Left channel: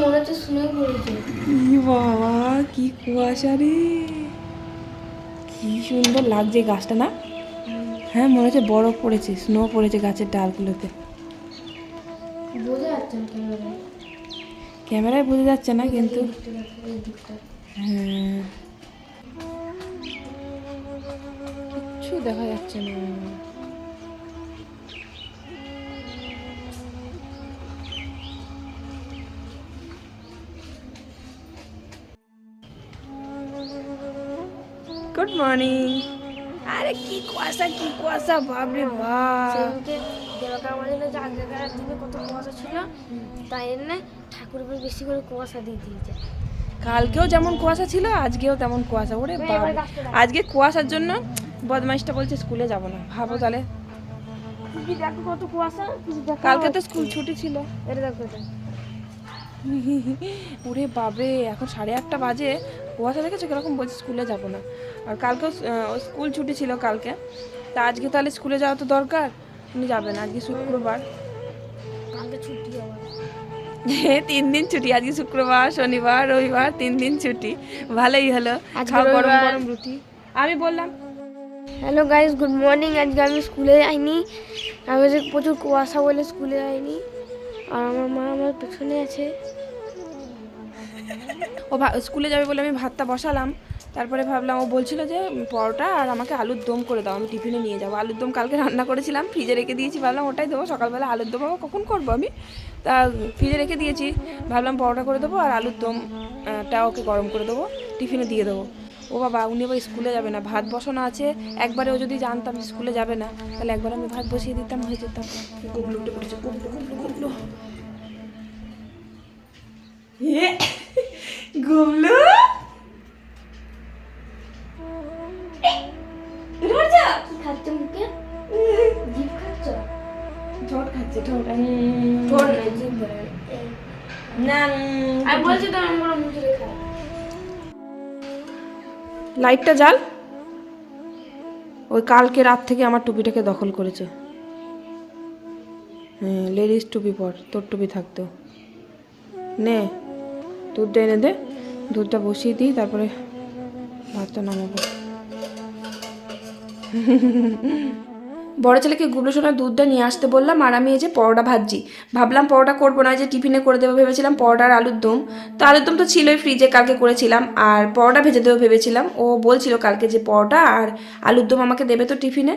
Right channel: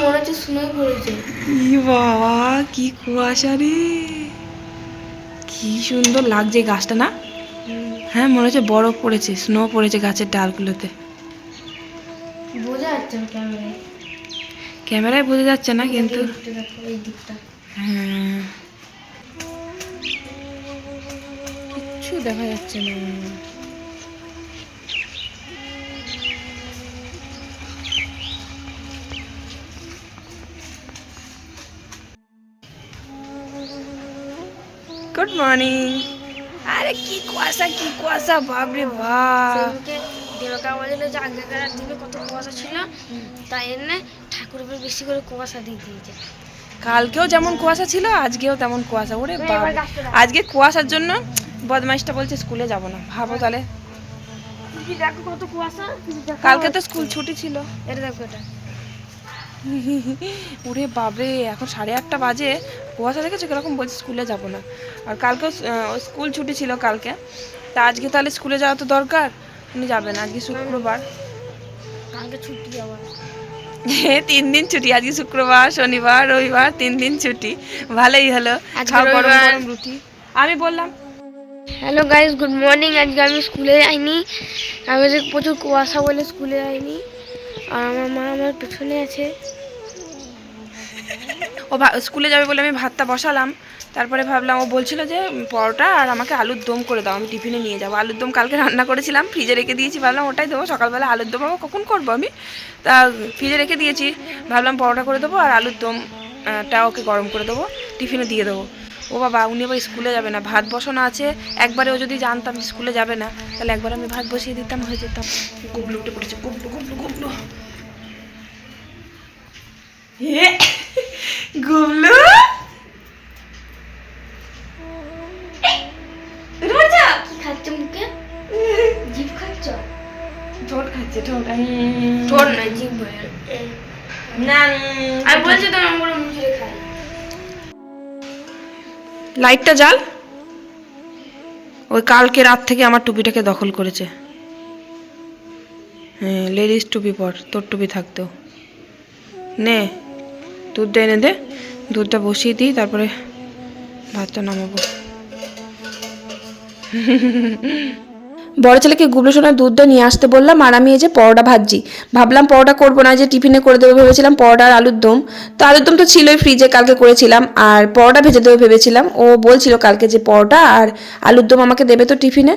মনে হচ্ছে স্নোই পড়েছে। ই বাবা কি কুয়াশা রে। কি সুন্দর লাগছে গাছটা না? হ্যাঁ মনে হচ্ছে বরফ পড়েছে স্নো পড়েছে গাছের ডালগুলোতে। বোঝা যাচ্ছে না ক্যামেরায়। ক্যামেরায় বোঝা যাচ্ছে না কিন্তু হ্যাঁ। কিচ্ছু দেখা যাচ্ছে না। গুড মর্নিং আরে কি কুয়াশা কি কুয়াশা বাপরে বাপ। সেদিনকে আমাদের যে আগেকার দিনে কত কুয়াশা ছিল তাই এনে ঠাকুর উপর বেশি করে কুয়াশা দিয়ে দিয়েছে। কালকেও যেমন কুয়াশা ছিল আজকেও তেমন কুয়াশা। ওরে দাও। আজকে কুয়াশার জন্য বদমাইশটা বলছে স্কুলে যাব না। ভাবো তাহলে। দেখো কত কুয়াশা। কালকে তো স্কুল ছুটি ছিল। এটা দেখো এটা। ওরে বাবরে এখন সাড়ে আটটা বাজে। কুয়াশা দেখেছ কীরকম বলছে স্কুলে যাব না। আর কালকেও স্কুল ছুটি ছিল কালকে। তা আজকে তাহলে স্কুলে যাওয়া তো দরকার। উনি যাবেন আজকে শুক্রবার। কালকে ছুটি আবার। তিন দিন ছুটি। আজকে শুক্রবার শনিবার রবিবার তিন দিন ছুটি। ভালোই হলো। খাও গরম গরম রুটি। আমি বললাম হ্যালো গাইস গুড মর্নিং। আজকে আমি স্কুলে যাইনি। আমি যে প্রচুর কুয়াশা বলে স্কুলে যাইনি। আর আমার মা আমার পেছনে আছে। ও স্কুলে যাবে বলে আমি ভাতটা বসালাম। তারপরে ভাবলাম ও বলছিল যে পরোটা আর আমাকে আলুর দম করে দাও আমি টিফিনে নিয়ে যাব। আলুর দম কালকে রান্না করেছিলাম ফ্রিজে রেখে দিয়েছি। ভাবলাম ওটাই দেবো সকালবেলা আলুর দম আবার কখন করব আমি? তা ফ্রিজে রেখে দিয়েছি। ভাবলাম পরোটা করে দেবো আর আলুর দম আহ, টা ওকে গরম করে দেবো টিফিনে দিয়ে দেবো। ও বাবা উনি আবার স্কুলে যাবে না ভাত বসানো আছে। একবারে ও যদি জানতাম স্কুলে যাবে না তাহলে একবার আমি ভাত বসিয়ে দিতাম হয়ে যেতাম। গুবলু উঠে পড়েছে গুবলু গুবলু গুবলু। গুবলু কি খাচ্ছ মুখে? জিভ খাচ্ছ? ঠোঁট খাচ্ছে ঠোঁট উম। ঠোঁট না জিভ না আমি বলছি তো আমার মুখে খাই লাইটটা জ্বাল। ওই কালকে রাত থেকে আমার টুপিটাকে দখল করেছে। হ্যাঁ লেডিস টুপি পর তোর টুপি থাকতো নে। দুধটা এনে দে। দুধটা বসিয়ে দিই তারপরে ভাতটা নামাবো। বড় ছেলেকে গুবলু সোনার দুধটা নিয়ে আসতে বললাম, আর আমি এই যে পরোটা ভাজছি। ভাবলাম পরোটা করব না যে টিফিনে করে দেবো ভেবেছিলাম, পরোটা আর আলুর দম। তো আলুর দম তো ছিলই ফ্রিজে কালকে করেছিলাম, আর পরোটা ভেজে দেবো ভেবেছিলাম। ও বলছিল কালকে যে পরোটা আর আলুর দম আমাকে দেবে তো টিফিনে।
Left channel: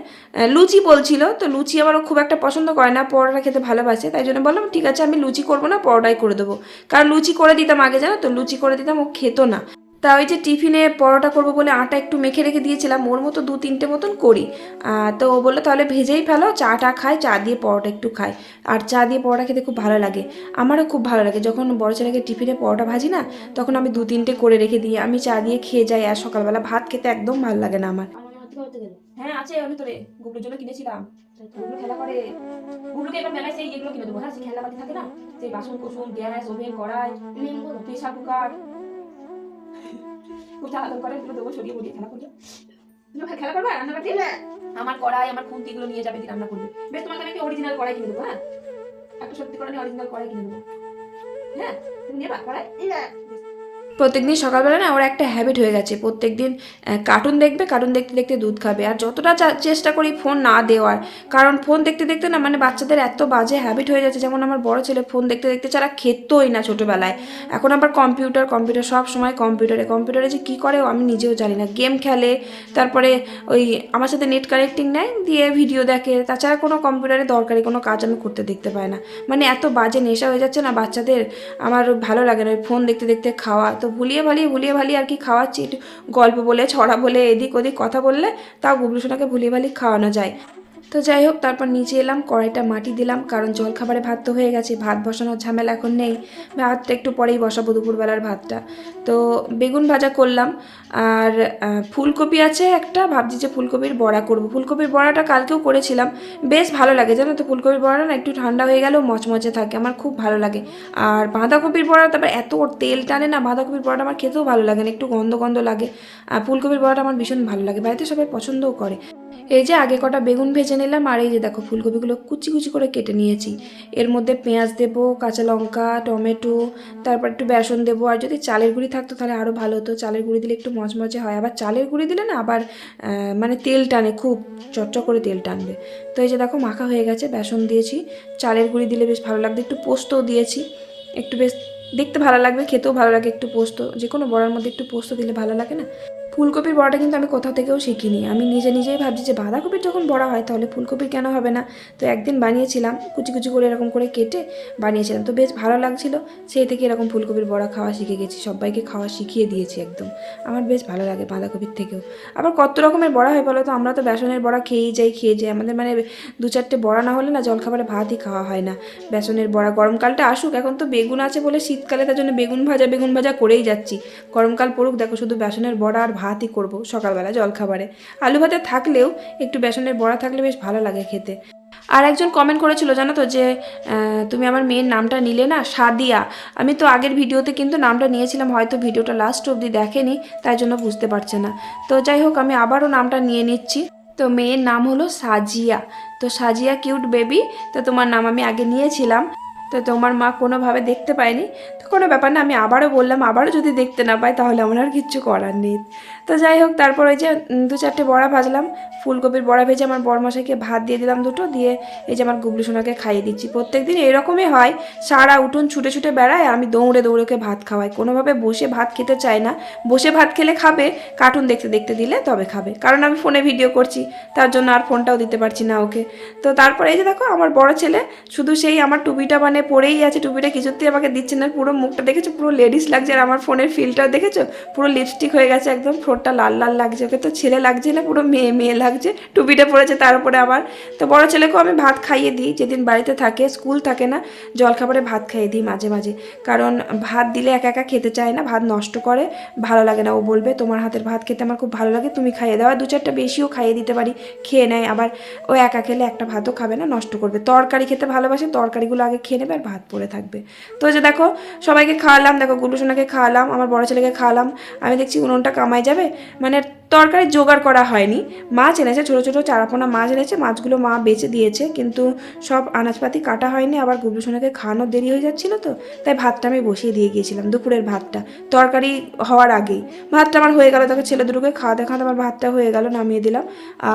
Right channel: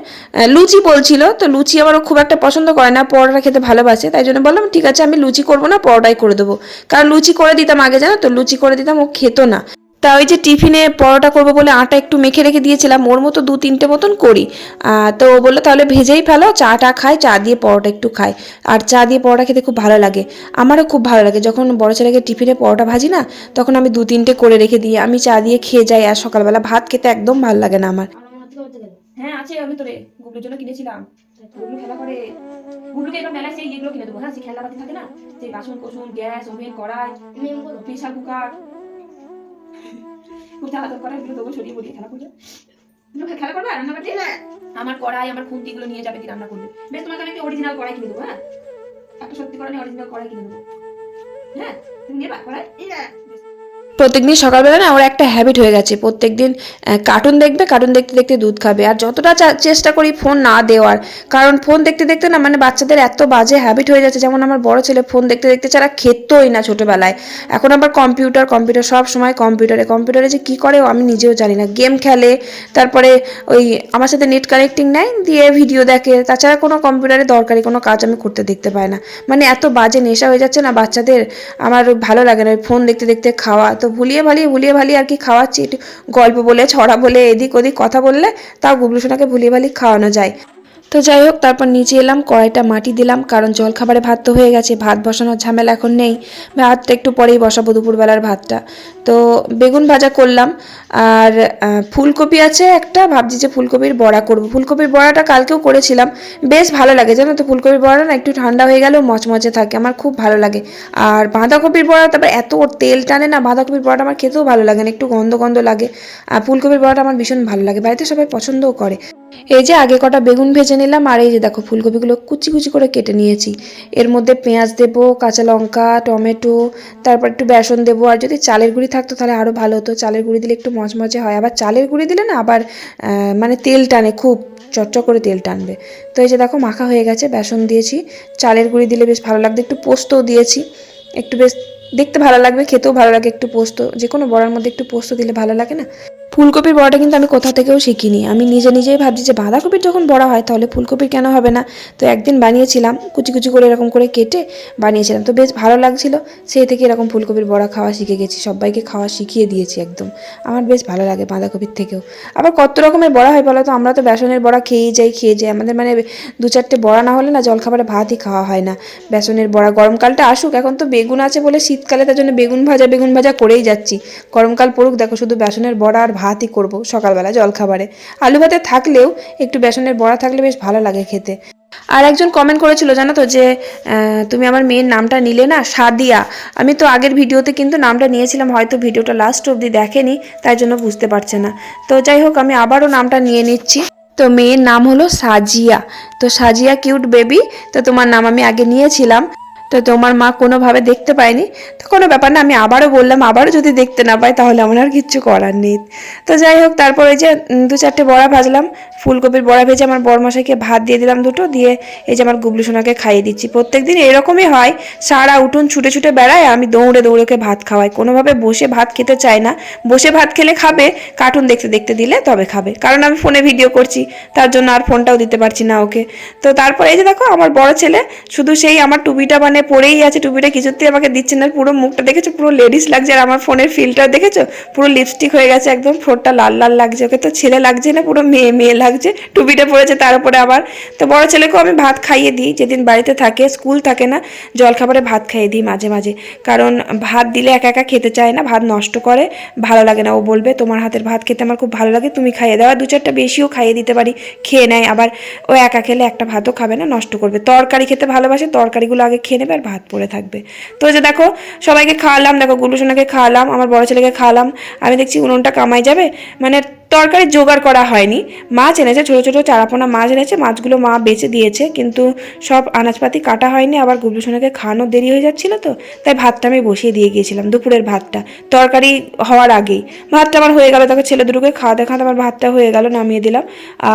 লুচি বলছিল, তো লুচি আমার খুব একটা পছন্দ করে না, পরোটা খেতে ভালোবাসে, তাই জন্য বললাম, ঠিক আছে, আমি লুচি করব না, পরোটাই করে দেবো। কারণ লুচি করে দিতাম আগে, জানো তো, লুচি করে দিতাম, ও খেত না। তা ওই যে টিফিনে পরোটা করব বলে আটা একটু মেখে রেখে দিয়েছিলাম, ওর মতো দু তিনটে মতন করি। তো ও বলল, তাহলে ভেজেই ফেলো, চাটা খাই, চা দিয়ে পরোটা একটু খাই। আর চা দিয়ে পরোটা খেতে খুব ভালো লাগে, আমারও খুব ভালো লাগে। যখন বড় ছেলেকে টিফিনে পরোটা ভাজি না, তখন আমি দু তিনটে করে রেখে দিই আমি চা দিয়ে খেয়ে যাই, আর সকালবেলা ভাত খেতে একদম ভালো লাগে না আমার। হ্যাঁ আছে, আমি তো রে গুবলুর জন্য কিনেছিলাম। গুবলু খেলা করে গুবলুকে এবার মেলায় সেই এগুলো কিনে দেবো। হ্যাঁ সেই খেলনাপাতি থাকে না সেই বাসন কোসন, গ্যাস, ওভেন, কড়াই প্রেশার কুকার খুব খেলা করে এগুলো দেবো সরিয়ে বলিয়ে খেলা করবে। খেলা করবে রান্না করতে আমার কড়াই আমার খুন্তিগুলো নিয়ে যাবে কি রান্না করবে? বেশ তোমাকে আমি অরিজিনাল কড়াই কিনে দেবো হ্যাঁ? একটা সত্যি করে অরিজিনাল কড়াই কিনে দেবো। হ্যাঁ? তুমি নেবা কড়াই? প্রত্যেকদিন সকালবেলা না ওর একটা হ্যাবিট হয়ে গেছে। প্রত্যেকদিন কার্টুন দেখবে কার্টুন দেখতে দেখতে দুধ খাবে। আর যতটা চেষ্টা করি ফোন না দেওয়ার, কারণ ফোন দেখতে দেখতে না মানে বাচ্চাদের এত বাজে হ্যাবিট হয়ে যাচ্ছে। যেমন আমার বড় ছেলে ফোন দেখতে দেখতে ছাড়া খেতই না ছোটোবেলায়। এখন আবার কম্পিউটার কম্পিউটার সব সময় কম্পিউটারে কম্পিউটারে যে কী করে আমি নিজেও জানি না। গেম খেলে, তারপরে ওই আমার সাথে নেট কানেক্টিং নেয়, দিয়ে ভিডিও দেখে। তাছাড়া কোনো কম্পিউটারে দরকারি কোনো কাজ আমি করতে দেখতে পাই না। মানে এত বাজে নেশা হয়ে যাচ্ছে না বাচ্চাদের। আমার ভালো লাগে না ফোন দেখতে দেখতে খাওয়া। তো ভুলিয়ে ভালিয়ে ভুলিয়ে ভালিয়ে আর কি খাওয়াচ্ছি। গল্প বলে, ছড়া বলে, এদিক ওদিক কথা বললে তাও গুবলু সোনাকে ভুলিয়ে ভালিয়ে খাওয়ানো যায়। তো যাই হোক, তারপর নিচে এলাম, কড়াইটা মাটি দিলাম, কারণ জল খাবারে ভাত তো হয়ে গেছে, ভাত বসানোর ঝামেলা এখন নেই। ভাতটা একটু পরেই বসাবো দুপুরবেলার ভাতটা। তো বেগুন ভাজা করলাম, আর ফুলকপি আছে একটা, ভাবছি যে ফুলকপির বড়া করব। ফুলকপির বড়াটা কালকেও করেছিলাম, বেশ ভালো লাগে, জানো তো, ফুলকপির বড়া না একটু ঠান্ডা হয়ে গেলেও মচমচে থাকে, আমার খুব ভালো লাগে। আর বাঁধাকপির বড়া তারপর এত তেল টানে না, বাঁধাকপির বড়াটা আমার খেতেও ভালো লাগে না, একটু গন্ধ গন্ধ লাগে। আর ফুলকপির বড়াটা আমার ভীষণ ভালো লাগে, বাড়িতে সবাই পছন্দও করে। এই যে আগে কটা বেগুন ভেজে নিলাম আর এই যে দেখো ফুলকপিগুলো কুচি কুচি করে কেটে নিয়েছি। এর মধ্যে পেঁয়াজ দেবো, কাঁচা লঙ্কা, টমেটো, তারপর একটু বেসন দেবো। আর যদি চালের গুঁড়ি থাকতো তাহলে আরও ভালো হতো। চালের গুঁড়ি দিলে একটু মচমচে হয়। আবার চালের গুঁড়ি দিলে না আবার মানে তেল টানে, খুব চটচট করে তেল টানবে। তো এই যে দেখো মাখা হয়ে গেছে, বেসন দিয়েছি। চালের গুঁড়ি দিলে বেশ ভালো লাগবে। একটু পোস্তও দিয়েছি। একটু বেশ দেখতে ভালো লাগবে, খেতেও ভালো লাগে একটু পোস্ত। যে কোনো বড়ার মধ্যে একটু পোস্ত দিলে ভালো লাগে না? ফুলকপির বড়াটা কিন্তু আমি কোথা থেকেও শিখিনি। আমি নিজে নিজেই ভাবছি যে বাঁধাকপির যখন বড়া হয় তাহলে ফুলকপির কেন হবে না? তো একদিন বানিয়েছিলাম, কুচি কুচি করে এরকম করে কেটে বানিয়েছিলাম। তো বেশ ভালো লাগছিল, সেই থেকে এরকম ফুলকপির বড়া খাওয়া শিখে গেছি। সবাইকে খাওয়া শিখিয়ে দিয়েছি একদম। আমার বেশ ভালো লাগে বাঁধাকপির থেকেও। আবার কত রকমের বড়া হয় বলো তো? আমরা তো বেসনের বড়া খেয়েই যাই, খেয়ে যাই। আমাদের মানে দু চারটে বড়া না হলে না জলখাবারে ভাতই খাওয়া হয় না। বেসনের বড়া গরমকালটা আসুক, এখন তো বেগুন আছে বলে শীতকালে তার জন্য বেগুন ভাজা বেগুন ভাজা করেই যাচ্ছি। গরমকাল পড়ুক, দেখো শুধু বেসনের বড়া আর ভাতই করব সকালবেলা জলখাবারে। আলু ভাতে থাকলেও একটু বেসনের বড়া থাকলে বেশ ভালো লাগে খেতে। আর একজন কমেন্ট করেছিল, জানো তো, যে তুমি আমার মেয়ের নামটা নিলে না, সাদিয়া। আমি তো আগের ভিডিওতে কিন্তু নামটা নিয়েছিলাম, হয়তো ভিডিওটা লাস্ট অবধি দেখেনি, তাই জন্য বুঝতে পারছে না। তো যাই হোক, আমি আবারও নামটা নিয়ে নিচ্ছি। তো মেয়ের নাম হলো সাজিয়া। তো সাজিয়া কিউট বেবি তো তোমার নাম আমি আগে নিয়েছিলাম। তো তোমার মা কোনোভাবে দেখতে পায়নি? তো কোনো ব্যাপার না, আমি আবারও বললাম, আবারও যদি দেখতে না পাই তাহলে আমার আর কিচ্ছু করার নেই। তো যাই হোক, তারপর ওই যে দু চারটে বড়া ভাজলাম। ফুলকপির বড়া ভেজে আমার বরমশাইকে ভাত দিয়ে দিলাম দুটো, দিয়ে এই যে আমার গুবলু সোনাকে খাইয়ে দিচ্ছি। প্রত্যেক দিন এরকমই হয়, সারা উঠুন ছুটে ছুটে বেড়ায়, আমি দৌড়ে দৌড়েকে ভাত খাওয়াই। কোনোভাবে বসে ভাত খেতে চায় না। বসে ভাত খেলে খাবে, কার্টুন দেখতে দেখতে দিলে তবে খাবে। কারণ আমি ফোনে ভিডিও করছি, তার জন্য আর ফোনটাও দিতে পারছি না ওকে। তো তারপর এই যে দেখো, আমার বড় ছেলে, শুধু সেই আমার টুপিটা মানে পরেই আছে টুপিটা, কিছুতেই আমাকে দিচ্ছে না। পুরো মুখটা দেখেছ? পুরো লেডিস লাগছে। আর আমার ফোনের ফিল্টার দেখেছ? পুরো লিপস্টিক হয়ে গেছে একদম। ঠোঁটটা লাল লাল লাগছে। ওকে তো ছেলে লাগছে না, পুরো মেয়ে মেয়ে লাগছে। টুপিটা পরেছে তার উপরে আবার। তো বড় ছেলেকেও আমি ভাত খাইয়ে দিই। যেদিন বাড়িতে থাকে, স্কুল থাকে না, জলখাবারে ভাত খাইয়ে দিই মাঝে মাঝে। কারণ ভাত দিলে একা একা খেতে চায় না, ভাত নষ্ট করে, ভালো লাগে না। ও বলবে, তোমার হাতের ভাত খেতে আমার খুব ভালো লাগে, তুমি খাইয়ে দাও। আর দু চারটা বেশিও খাইয়ে দিতে পারি, খেয়ে নেয়। আবার ও একা খেলে একটা ভাতও খাবে না, নষ্ট করবে। তরকারি খেতে ভালোবাসে, তরকারিগুলো আগে খেয়ে নেবে আর ভাত পড়ে থাকবে। তো যে দেখো, সবাইকে খাওয়ালাম, দেখো গুলু সোনাকে খাওয়ালাম, আমার বড় ছেলেকে খাওয়ালাম। আমি দেখছি উনুনটা কামাই যাবে মানে তরকারি জোগাড় করা হয়নি। মাছ এনেছে, ছোটো ছোটো চারাপোনা মাছ এনেছে, মাছগুলো মা বেচে দিয়েছে, কিন্তু সব আনাজপাতি কাটা হয়নি, আবার গুবলু সোনাকে খাওয়ানো দেরি হয়ে যাচ্ছিল তো, তাই ভাতটা আমি বসিয়ে দিয়ে গিয়েছিলাম, দুপুরের ভাতটা। তরকারি হওয়ার আগেই। ভাতটা আমার হয়ে গেল তখন ছেলে দুটোকে খাওয়া দেখাতে আমার ভাতটা হয়ে গেল, নামিয়ে দিলাম।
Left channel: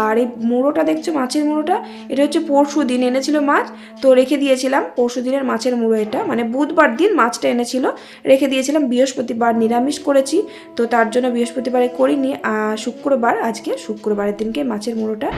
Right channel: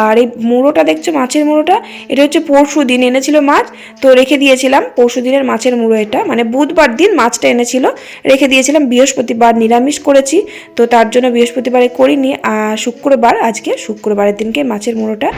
আর এই মুড়োটা দেখছ, মাছের মুড়োটা? এটা হচ্ছে পরশু দিন এনেছিল মাছ, তো রেখে দিয়েছিলাম পরশু দিনের মাছের মুড়ো এটা। মানে বুধবার দিন মাছটা এনেছিল, রেখে দিয়েছিলাম, বৃহস্পতিবার নিরামিষ করেছি। তো তার জন্য বৃহস্পতিবারে করিনি শুক্রবার, আজকে শুক্রবারের দিনকে মাছের মুড়োটা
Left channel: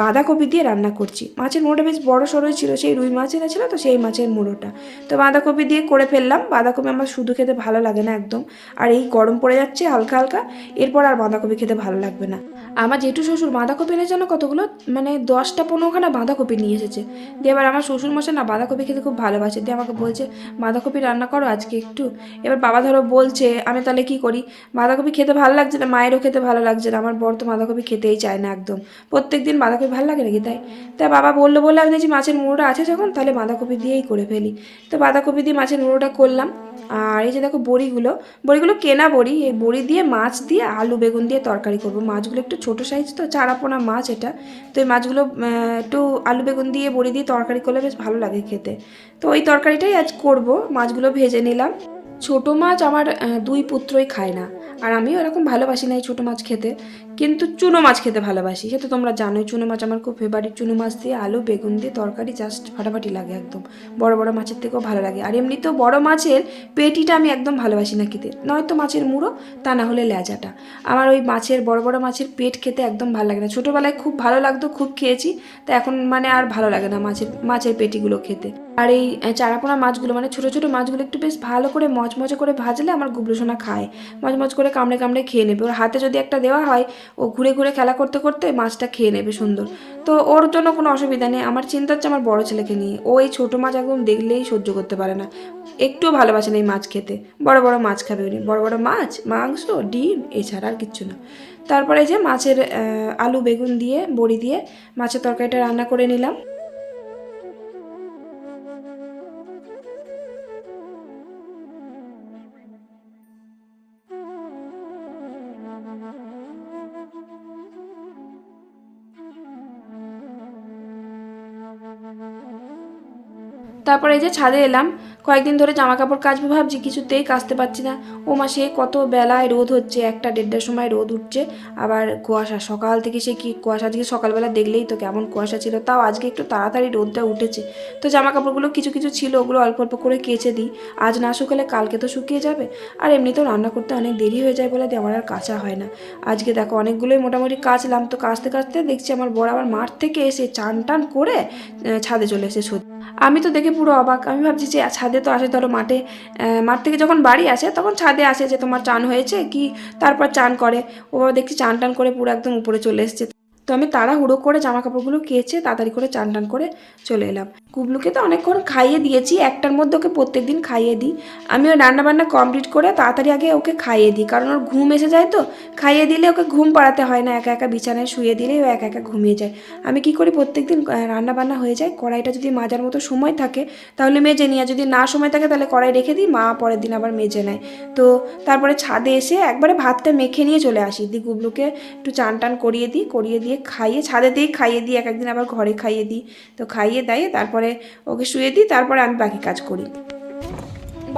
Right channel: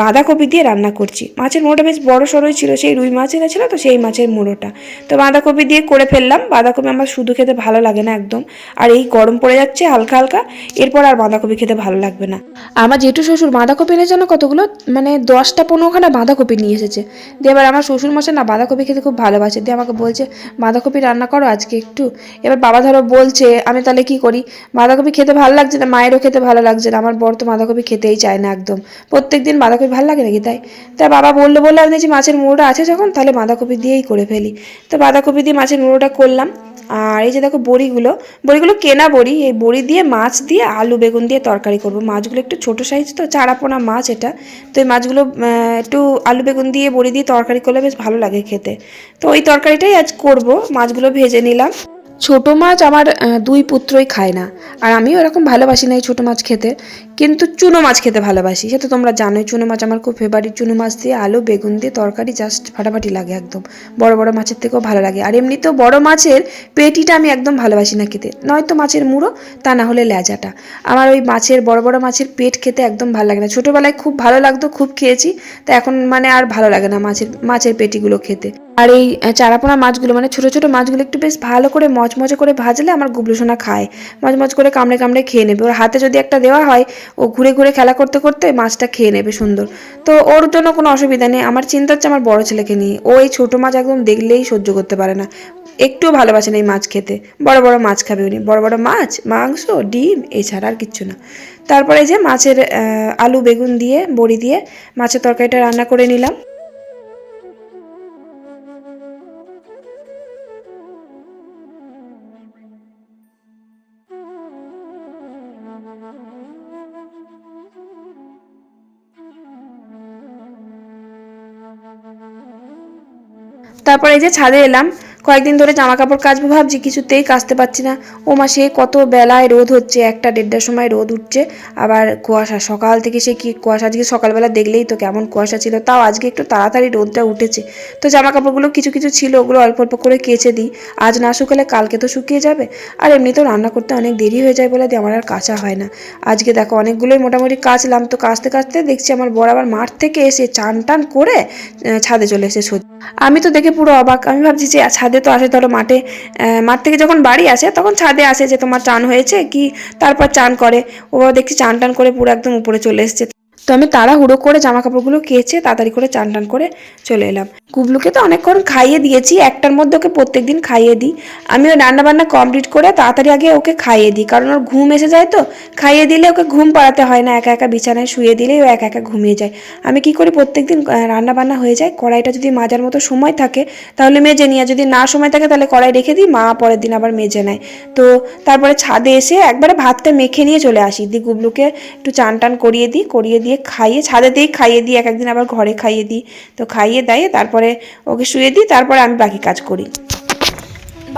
বাঁধাকপি দিয়ে রান্না করছি। মাছের মুড়োটা বেশ বড় সড়োই ছিল, সেই রুই মাছ এনেছিল তো সেই মাছের মুড়োটা। তো বাঁধাকপি দিয়ে করে ফেললাম, বাঁধাকপি আমার শুধু খেতে ভালো লাগে না একদম। আর এই গরম পড়ে যাচ্ছে হালকা হালকা, এরপর আর বাঁধাকপি খেতে ভালো লাগবে না। আমার জেঠু শ্বশুর বাঁধাকপি এনেছে না কতগুলো? মানে দশটা পনেরোখানা বাঁধাকপি নিয়ে এসেছে। দিয়ে এবার আমার শ্বশুর মশাই না বাঁধাকপি খেতে খুব ভালোবাসে। দিয়ে আমাকে বলছে, বাঁধাকপি রান্না করো আজকে একটু। এবার বাবা ধরো বলছে, আমি তাহলে কি করি? বাঁধাকপি খেতে ভালো লাগছে না? মায়েরও খেতে ভালো লাগছে না। আমার বড় তো বাঁধাকপি খেতেই চায় না একদম। প্রত্যেক দিন বাঁধাকপি ভালো লাগে নাকি তাই? তা বাবা বলল বলল, আমি দেখছি মাছের মুড়োটা আছে যখন, তাহলে বাঁধাকপি দিয়েই করে ফেলি। তো বাঁধাকপি দিয়ে মাছের মুড়োটা করলাম। আর এই যে দেখো বড়িগুলো বড়িগুলো কেনা বড়ি, এই বড়ি দিয়ে, মাছ দিয়ে, আলু বেগুন দিয়ে তরকারি করব। মাছগুলো একটু ছোটো সাইজ তো, চারাপোনা মাছ এটা। তো এই মাছগুলো একটু আলু বেগুন দিয়ে, বড়ি দিয়ে তরকারি করলে বেশ ভালো লাগে খেতে। তো ওই তরকারিটাই আজ করব। মাছগুলো ভেজে নিলাম। ছোট মাছ আমার দুই পুত্রই খায় না। আর আমিও এরকম ভালোবাসি না এই ছোটো মাছ খেতে। কিন্তু চুনো মাছ খেতে ভালোবাসি। সে তো তোমরা জানোই, চুনো মাছ আমার খুব ফেভারিট চুনো মাছ দিয়ে আলু, বেগুন দিয়ে তরকারি জাস্ট ফাটাফাটি লাগে একদম। বড় বড় মাছের থেকেও ভালো লাগে। আর এমনিতেও বড় মাছের পেটিটা আমি একদম ভালোবাসি না খেতে। নয়তো মাছের মুড়ো, তা না হলে ল্যাজাটা আমার ওই মাছের, বড় বড় মাছের পেট খেতে একদম ভালো লাগে না। ছোটোবেলায় খুব ভালো লাগতো, খুব খেয়েছি। তা এখন মানে আর ভালো লাগে না মাছের মাছের পেটিগুলো খেতে। আর এই চারাপোনা মাছগুলো মানে ছোটো ছোটো মাছগুলো একটু বেশ ভালো করে মচমচে করে ভাজলে আমার গুবলু সোনা খায়। মচমচ করে কামড়ে কামড়ে খেয়ে নেবে। ওর হাতে যদি একটা দেওয়া হয় ও ঘুরে ঘুরে খেলা করতে করতে মাছটা খেয়ে নেবে সুন্দর। তো ওর জন্য কোনো অসুবিধা নেই। আমার চিন্তা হচ্ছে আমার বড় ছেলেকে নিয়ে। ও এই ছোটো মাছ একদম দেখলেই সহ্য করতে পারে না। একটুও ভালোবাসে না এই মাছ খেতে। বড় বড় মাছ খাবে উনি। বড় বড় মাছ, মাংস, ডিম, এছাড়া আর কিচ্ছু না। তারপরে যে মাছের আলু, বেগুন দিয়ে, বড়ি দিয়ে মাছের তরকারিটা রান্না করে নিলাম। তারপরে এই যে ছাদে এলাম কয়েকদিন ধরে জামা কাপড় কাচবো ভাবছি, কিছুতেই কাচতে পারছি না। ও মা সে কত বেলায় রোদ হচ্ছে, একটা দেড়টার সময় রোদ উঠছে। আবার কুয়াশা, সকাল থেকে সে কি কুয়াশা? আজকে সকালবেলা দেখলেই তো কেমন কুয়াশা ছিল, তাও আজকে একটু তাড়াতাড়ি রোদটা উঠেছে। তো জামা কাপড়গুলো কিছু কিছু ছিল, ওগুলো অল্প অল্প করে কেচে দিই। আজ না শুকালে কালকে তো শুকিয়ে যাবে। আর এমনিতেও রান্না করতে অনেক দেরি হয়ে যায় বলে আমার আর কাঁচা হয় না। আজকে দেখো, অনেকগুলোই মোটামুটি কাচলাম। তো কাচতে কাচতে দেখছি আমার বড় আবার মাঠ থেকে এসে চান টান করে ছাদে চলে এসে সত্যি আমি তো দেখে পুরো অবাক। আমি ভাবছি যে ছাদে তো আসে, ধরো মাঠে মাঠ থেকে যখন বাড়ি আসে, তখন ছাদে আসে যে তোমার চান হয়েছে কি, তারপর চান করে। ও দেখছি চান টান করে পুরো একদম উপরে চলে এসেছে। তো আমি তাড়াহুড়ো করে জামা কাপড়গুলো কেচে তাড়াতাড়ি করে চান টান করে চলে এলাম। কুবলুকে তো অনেকক্ষণ খাইয়ে দিয়েছি, একটার মধ্যে ওকে প্রত্যেক দিন খাইয়ে দিই। আমি ওই রান্না বান্না কমপ্লিট করে তাড়াতাড়ি আগে ওকে খাইয়ে দিই, কারণ ওর ঘুম এসে যায় তো। খাইয়ে দিলে ওকে ঘুম পাড়াতে হয় না, একা একা বিছানায় শুয়ে দিলেই ও একা একা ঘুমিয়ে যায়। আমি কি করি প্রত্যেক দিন রান্না বান্না হয়ে যায়, কড়াইটা যদি মাজার মতো সময় থাকে, তাহলে মেজে নিয়ে যদি না সময় থাকে তাহলে কড়াই রেখে দিই, মা পরের দিন আবার মেজে নেয়। তো তারপরে ছাদে এসে একবারে ভাতটা মেখে নিয়ে চলে আসি। দি গুবলুকে একটু চান টান করিয়ে দিই, করিয়ে দিয়ে খাইয়ে ছাদেতেই খাইয়ে দিই এক একদিন আবার ঘরে খাইয়ে দিই। তো খাইয়ে দেয়, তারপরে ওকে শুয়ে দিই, তারপরে আমি বাকি কাজ করি।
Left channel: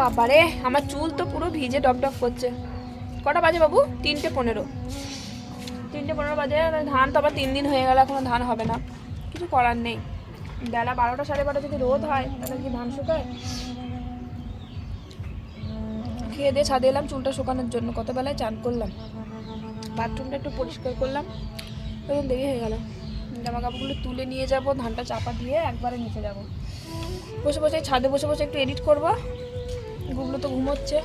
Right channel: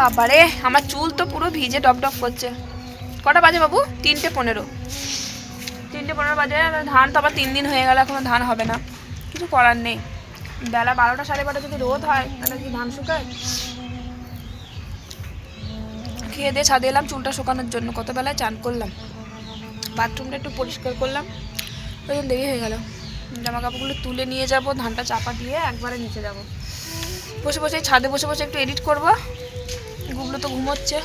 বাবারে, আমার চুল তো পুরো ভিজে ডব করছে। কটা বাজে বাবু? তিনটে পনেরো। তিনটে পনেরো বাজে, ধান তো আবার তিন দিন হয়ে গেল, এখনও ধান হবে না। কিছু করার নেই। বেলা বারোটা, সাড়ে বারোটা যদি রোদ হয়, তাহলে কি ধান শুকায়? খেয়ে দিয়ে ছাদে এলাম, চুলটা শুকানোর জন্য। কত বেলায় চান করলাম। বাথরুমটা একটু পরিষ্কার করলাম। ওই জন্য দেরি হয়ে গেল। জামা কাপড়গুলো তুলে নিয়ে যাব, ধানটা চাপা দিয়ে একবারে নিচে যাব। বসে বসে ছাদে বসে বসে একটু এডিট করব। গুগলো তো ঘুমোচ্ছে।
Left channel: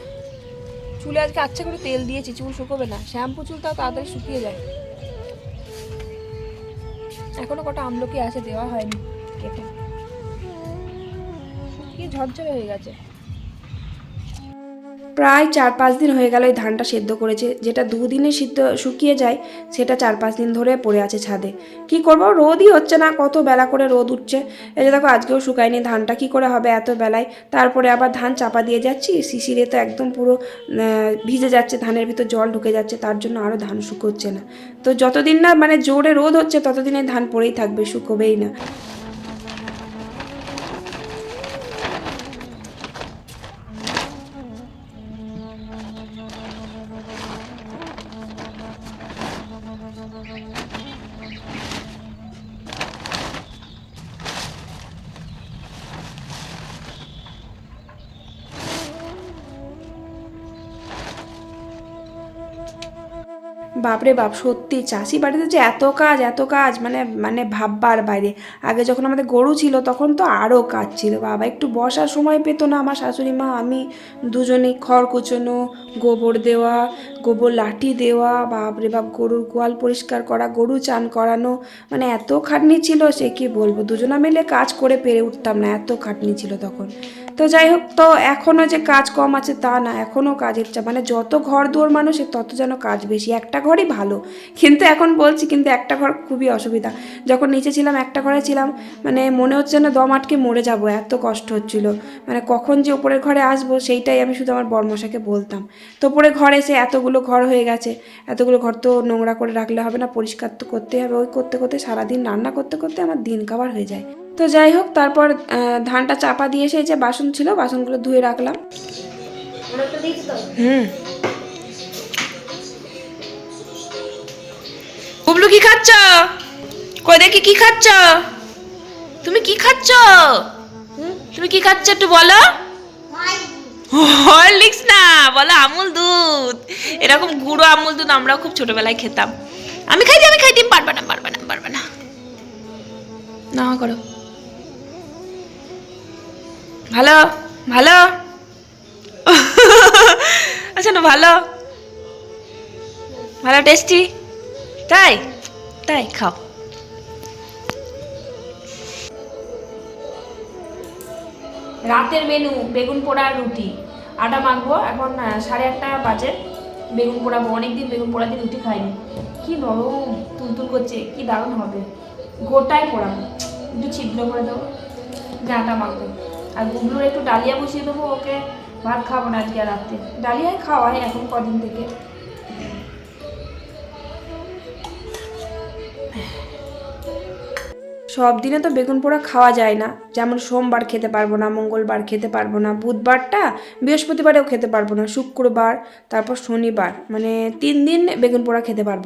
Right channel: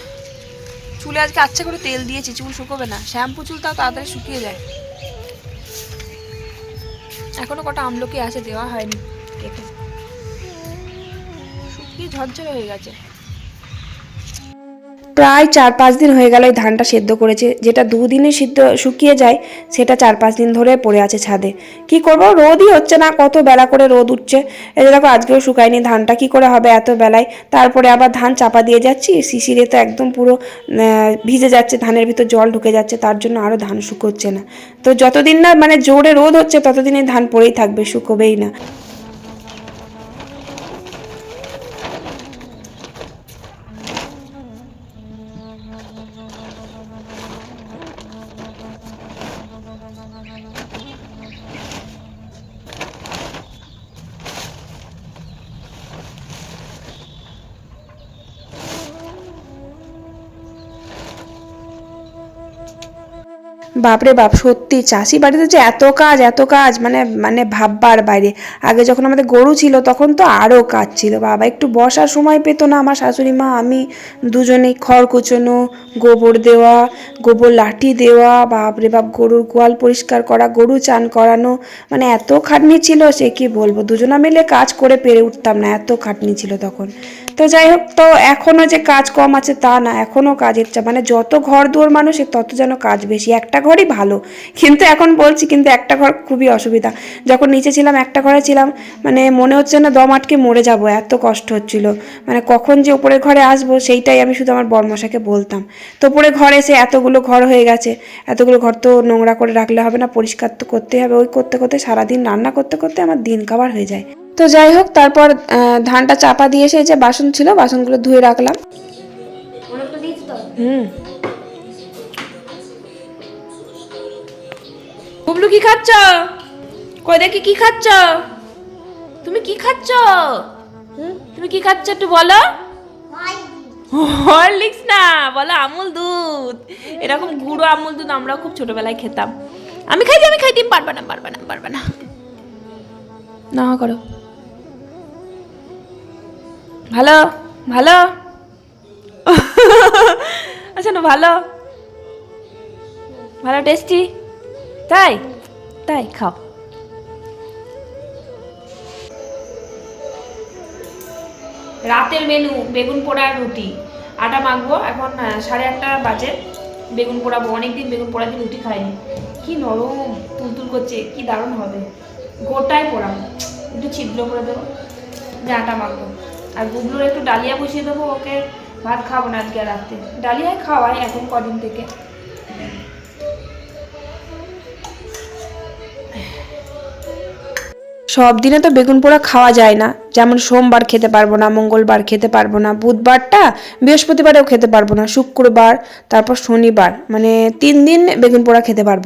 চুলে আজকে আচ্ছা করে তেল দিয়েছি, চুল শুকোবে না। শ্যাম্পু চুল তাও তাড়াতাড়ি শুকিয়ে যায়। এখনও কটা আমলকি আছে, দেওয়া হয়নি। কেটে শুকিয়ে ঝরঝরে হয়ে গেছে। প্রায় চার পাঁচ দিন হয়ে গেল এই ধানটা সেদ্ধ করেছে। যেটা দুদিনে সিদ্ধ শুকিয়ে যায়, সেটা চার পাঁচ দিন ধরে পড়ে আছে ছাদে। কি করব? রোদই হচ্ছে না, কত বেলা করে রোদ উঠছে। এই যে দেখো, আজকেও শুকায়নি ধানটা, কি করে হবে এত বেলায়? তারপরে আবার ধান চাপা দিয়ে যাচ্ছি, শিশিরে তো একদম পুরো ভিজে যাচ্ছে, ধানের ভিতর জল ঢুকে যাচ্ছে, তার জন্য আরও ধান শুকোচ্ছে না। তো যতদিন না মানে জোরে রোদ হচ্ছে, ততদিনে ধান পড়েই থাকবে, শুকোবেই না। বাপরে বাপ, সত্যি, চাষি বাড়িতে যে এত কাজ এত কাজ মানে মানে ভাববার বাইরে। আগে যখন আমাদের গরু ছিল, তখন তো আরও কাজ ছিল। বাবা, একটু বসার সময় পেতো না আমার শাশুড়ি মা, আমি দুজনেই খড় কুচোনো, গোবর দেওয়া, গোবর লাঠি দেওয়া, বাপরে বাপ, গরুর গোয়াল পরিষ্কার করা, গরু চান করানো মানে এত খাটনি ছিল, সে কি বলব? দুজনা মিলে কাজ করে পেরে উঠতাম না, এত খাটনি ছিল তখন। তো যাই হোক, তো এখনও যে কাজ কম আছে তা না এখনও কাজের চাপ মানে যত ঘর দুয়ার মানুষের তত যেন কাজ বেশি। একটা ঘরই ভালো। কিন্তু এখন বলছি, কিন্তু একটা ঘর খুবই অসুবিধা। যখন নিচে ছিলাম, একটা ঘরে ছিলাম মানে মনে হচ্ছে না দম আটকে মরে যাব, এত কষ্ট হচ্ছিল। মানে কখন যে উপরের ঘরে আসব, সেইটাই আমি শুধু আমার বর্মশাকে বলতাম। তো উপরে ঘর এসে এতগুলো ঘর হয়ে গেছে। এতগুলো ঘর তো নোংরা করে রাখলে হবে না, পরিষ্কার তো করতেই হবে। ওই করতে করতে সারাদিন রান্না করতে করতে আমার দিন খাবার হয়ে যায়। তো যাই হোক, তারপর ধানটা চাপা দিয়ে এসে যে বাসন ছিল, বাসনগুলো ধুয়ে রাখলাম। হুম। বুবলু, কি খাচ্ছ? কই দেখি কি খাচ্ছ? তুমি কি খাচ্ছ? তুমি কি খাচ্ছ একটু বলো? হরলিক্স না, বলো আমুল দুধ। এরকম গুঁড়ো আমুল দুধ আমরাও খুব ছোটবেলায় খেতাম। আমি খাইছি আমি খাইতে পারবা না পারবা না পারবা না। না করো। ভালো? ভালো? আচ্ছা না, ভালো। ভালো টেস্টি তাই? তাই, খাও। রাতের মেনু বেগুন পোড়া রুটি। আটা মাখবো, এখন সাড়ে আটটা বাজে। বেগুন পোড়াবো অনেকদিন বেগুন পোড়া দিয়ে রুটি খাইনি। কি নরম তুলতুল করছে, কি দারুণ হবে। গোটায় পোড়াবো। একটু ছিদ্র করে দেবো। যে আটা মাখবো। আর গুবলুর একটু ডালিয়া বসিয়ে দেবো, ওকে ভাত খাব না আজকে রাত্রে। ডালিয়ায় খাওয়াই এখন কদিন থেকে। সব দিনে তো বেগুন পোড়া খাওয়া যায় না। যেমন সোমবার খেতে পারব না, মঙ্গলবার খেতে পারব না, বুধবারটা বৃহস্পতিবারেও খেতে পারব না, শুক্রবার, তারপর শনিবার মানে তিন দিন বেগুন পোড়া খেতে পারব।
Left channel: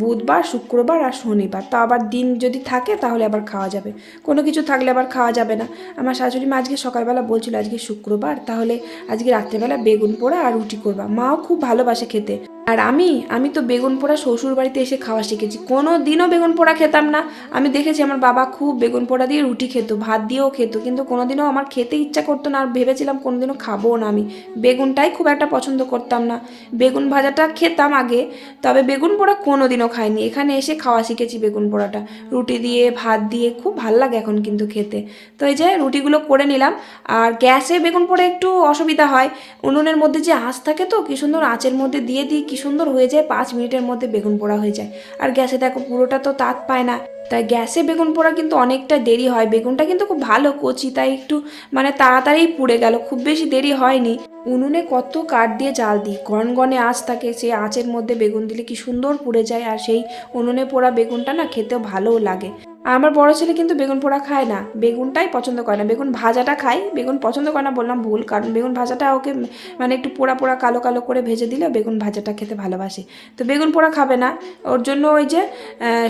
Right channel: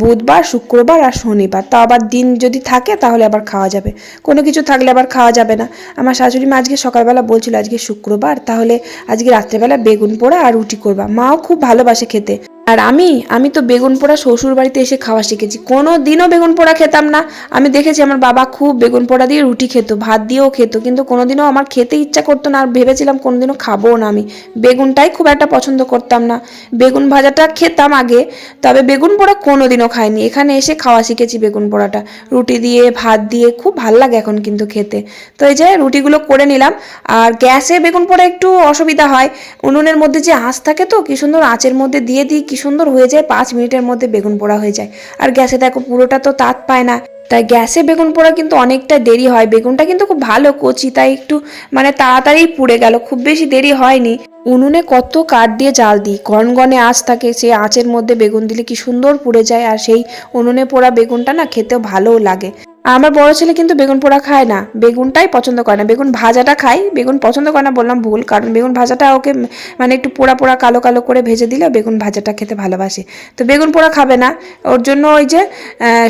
বুধবার, শুক্রবার আর শনিবার, তা আবার দিন যদি থাকে তাহলে আবার খাওয়া যাবে। কোনো কিছু থাকলে আবার খাওয়া যাবে না। আমার শাশুড়ি মা আজকে সকালবেলা বলছিল, আজকে শুক্রবার, তাহলে আজকে রাত্রেবেলা বেগুন পোড়া আর রুটি করবা। মাও খুব ভালোবাসে খেতে। আর আমি আমি তো বেগুন পোড়া শ্বশুর বাড়িতে এসে খাওয়া শিখেছি। কোনো দিনও বেগুন পোড়া খেতাম না। আমি দেখেছি আমার বাবা খুব বেগুন পোড়া দিয়ে রুটি খেত, ভাত দিয়েও খেত, কিন্তু কোনোদিনও আমার খেতে ইচ্ছা করতো না। আর ভেবেছিলাম কোনোদিনও খাব না আমি। বেগুনটাই খুব একটা পছন্দ করতাম না। বেগুন ভাজাটা খেতাম আগে, তবে বেগুন পোড়া কোনোদিনও খাইনি। এখানে এসে খাওয়া শিখেছি বেগুন পোড়াটা। রুটি দিয়ে, ভাত দিয়ে খুব ভালো লাগে এখন কিন্তু খেতে। তো এই যে রুটিগুলো করে নিলাম। আর গ্যাসে বেগুন পোড়া একটু অসুবিধা হয়। উনুনের মধ্যে যে আঁচ থাকে তো, কি সুন্দর আঁচের মধ্যে দিয়ে দিই, কি সুন্দর হয়ে যায়, পাঁচ মিনিটের মধ্যে বেগুন পোড়া হয়ে যায়। আর গ্যাসে দেখো পুরোটা তো তাত পায় না। তাই গ্যাসে বেগুন পোড়া কিন্তু অনেকটা দেরি হয়। বেগুনটা কিন্তু খুব ভালো কচি, তাই একটু মানে তাড়াতাড়ি পুড়ে গেল। খুব বেশি দেরি হয়নি। উনুনে কত কাঠ দিয়ে জাল দিই। গনগনে আঁচ থাকে সেই আঁচের মধ্যে বেগুন দিলে কি সুন্দর পুড়ে যায়। আর সেই উনুনে পোড়া বেগুনটা না খেতেও ভালোও লাগে। আমার বড় ছেলে কিন্তু বেগুন পোড়া খায় না। বেগুনটাই পছন্দ করে না। বেগুন ভাজাটা খায়। বেগুন পছন্দ করে না বললাম ভুল, কারণ বেগুন ভাজাটা ওকে মানে একটু পোড়া পোড়া কালো কালো করে ভেজে দিলে বেগুন ভাজাটা খেতে ভালোবাসে। তো বেগুন পোড়া খাবে না। ওর জন্য ওই যে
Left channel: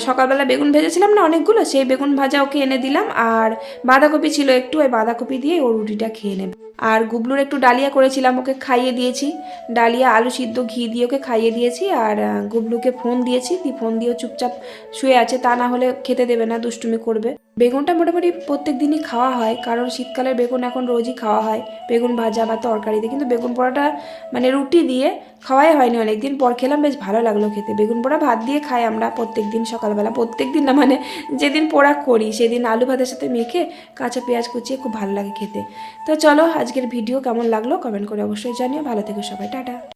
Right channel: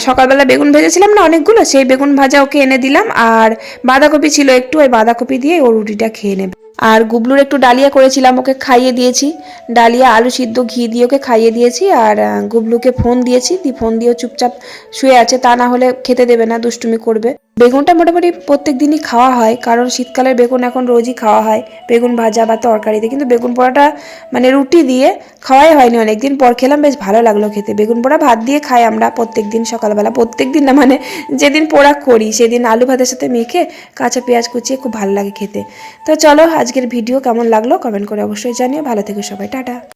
সকালবেলা বেগুন ভেজেছিলাম না অনেকগুলো, সেই বেগুন ভাজা ওকে এনে দিলাম, আর বাঁধাকপি ছিল একটু, ওই বাঁধাকপি দিয়ে ও রুটিটা খেয়ে নেবে। আর গুবলুর একটু ডালিয়া করেছিলাম, ওকে খাইয়ে দিয়েছি। ডালিয়া, আলু সিদ্ধ, ঘি দিয়ে ওকে খাইয়ে দিয়েছি, আর গুবলুকে ফোন দিয়েছি দিয়ে ফোন দিয়েও চুপচাপ শুয়ে আছে, তা না হলে খেতে দেবে না, দুষ্টুমি করবে। বেগুনটা মোটামুটি প্রত্যেক দিনই খাওয়া হয়, কারণ শীতকালের বেগুন এখন রোজই খাওয়া হয়, বেগুন ভাজা বা তরকারিতে। কিন্তু বেগুন পোড়াটা মানে রুটি দিয়ে খাওয়াই হয়নি অনেকদিন, পর খেলাম, বেশ ভালো লাগল খেতে। বেগুন পোড়া ভাত দিয়ে খাই আমরা প্রত্যেক দিন সকালবেলা, প্রত্যেক দিন না মানে যেদিন পোড়া করি, সেদিন আলু ভাতের সাথে মেখে কাঁচা পেঁয়াজ কুচিয়ে খুব ভালো লাগে খেতে। তো চলো আজকের ভিডিও কেমন লাগল কমেন্ট করে অবশ্যই জানিও। ভালো থেকো সবাই টাটা।